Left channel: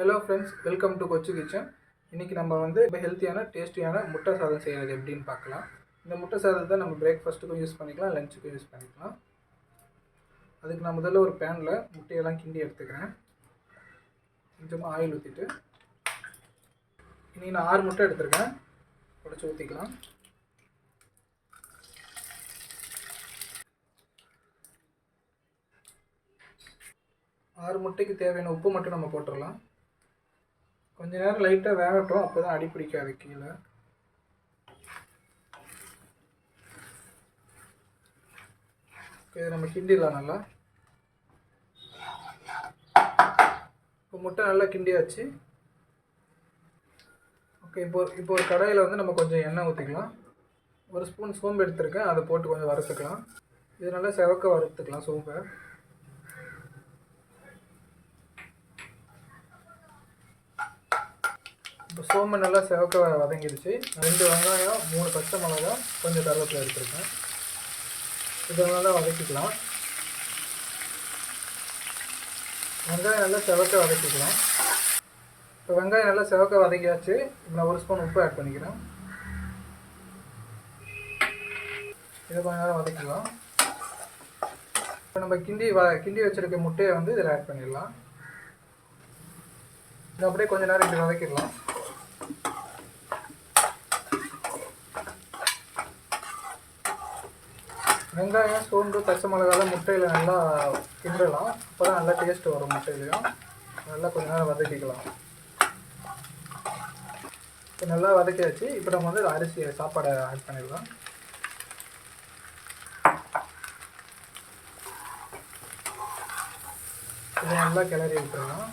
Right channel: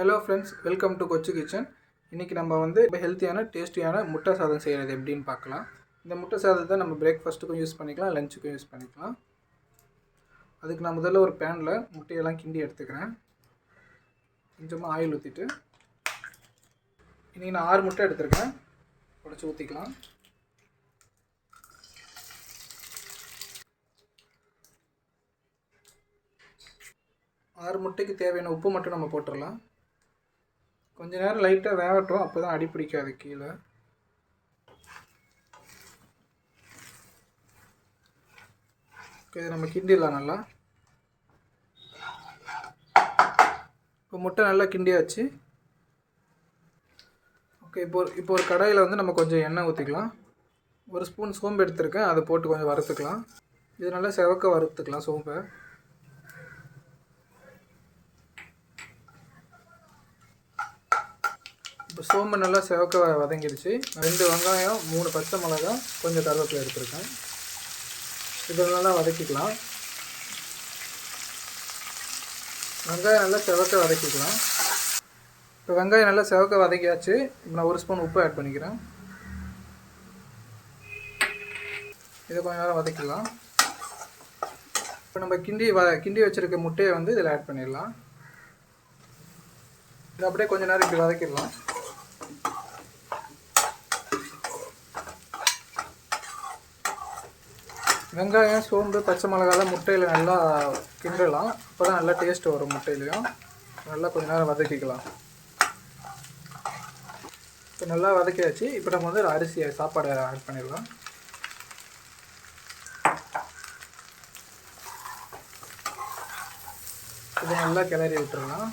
Hello friends, welcome to Kochu kitchen. இன்றைக்கி நம்ம வந்து ஹெல்த்தியான டேஸ்டியான முட்டை சாதம் செய்கிறது எப்படின்னு பார்க்கலாம். இந்த முட்டை சாதத்தை நம்ம பிரேக்ஃபாஸ்ட்டுக்கும் யூஸ் பண்ணிக்கலாம், லஞ்சுக்கும் யூஸ் பண்ணிக்கலாம். அதுக்கு நான் முதல்ல ஒரு பேனில் முட்டையெல்லாம் கிண்டி எடுத்துக்கிறேன். கொஞ்சமாக ஆயில் ஊற்றிட்டு, இன்றைக்கி நான் 6 முட்டை எடுத்துருக்கேன், உடச்சி ஊற்றிக்கலாம். ஆறு முட்டைக்கு தேவையான உப்பு மட்டும் நம்ம போட்டுடலாம். கொஞ்ச நேரம் லைட்டாக வேகட்டும், அப்போ தான் அடி பிடிக்காது கீழே. ஓகே, நம்ம கிண்டிடலாம் நல்லா. இப்போ முட்டை நல்லா கிண்டியாச்சு. ஓகே, இப்போ ஒரு கடாயில் வந்து நம்ம கொஞ்சம் எண்ணெய் ஊற்றிக்கலாம். ஒரு ஸ்பூன் சோம்பு எடுத்துருக்கேன், அதை போட்டு கொஞ்சம் வறுத்துக்கலாம். இது நல்லா செவக்க வறுத்துக்கலாம் சோம்பை. இப்போ சோம்பு நல்லா செவக்க வதங்கிடுச்சு. 2 வெங்காயம், 3 பச்சை மிளகாய், கொஞ்சம் கருவேப்பிலை எடுத்துருக்கேன். இதை நல்லா வதக்கிக்கலாம். வெங்காயம் நல்லா செவக்க வதக்கிக்கலாம். இப்போ வெங்காயம் நல்லா செவக்க வதக்கியாச்சு. இப்போ நான் 1 ஸ்பூன் உப்பு ஆட் பண்ணிக்கிறேன். இதை கொஞ்சம் நேரம் வதக்கிக்கலாம். இப்போ நம்ம கிண்டி வச்சுருக்க முட்டையை வந்து இதில் ஆட் பண்ணிடலாம். இதை அப்படியே கொஞ்சம் நேரம் இப்படி வதக்கிடலாம். வெங்காயம், சோம்பு, பச்சை மிளகாலாம் முட்டையில் நல்லா கிண்டலாம். இப்போ தான் நல்லா டேஸ்ட் வரும். முட்டையிலையும் நல்லா கொஞ்சம் நேரம் வதக்கிக்கலாம். இப்போ நல்லா வதக்கியாச்சு. இப்போ நம்ம வந்து சாப்பாடை ஆட் பண்ணிடலாம். இதை நல்லா கிளறி விட்டுடலாம்.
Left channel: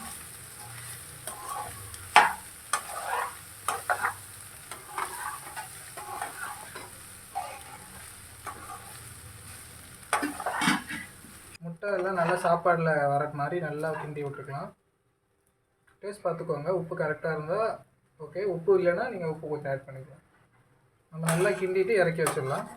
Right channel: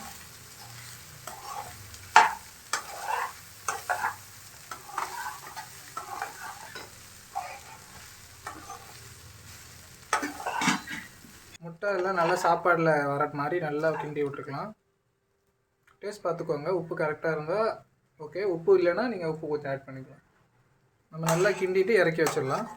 முட்டை எல்லாம் நல்லா சாப்பாடில் வர மாதிரி நல்லா கிண்டி விட்டுருக்கலாம். டேஸ்ட் பார்த்துக்கோங்க, உப்பு கரெக்டாக இருந்தால் ஓகே. உப்பு இல்லைன்னா நீங்கள் உப்பு கொஞ்சம் ஆட் பண்ணிக்கலாம். நம்ம நல்லா கிண்டிட்டு இறக்கி வச்சிடலாம்.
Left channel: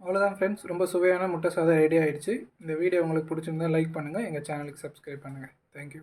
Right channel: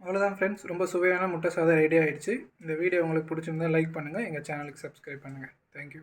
அவ்வளோதான் ஃப்ரெண்ட்ஸ், ரொம்ப சுவையான முட்டை சாதம் ரெடி ஆகிடுச்சு. இந்த வீடியோ உங்களுக்கு பிடிச்சிருந்தா லைக் பண்ணுங்கள், எங்கள் சேனலுக்கு சப்ஸ்கிரைப் பண்ணுங்கள். தேங்க்யூ.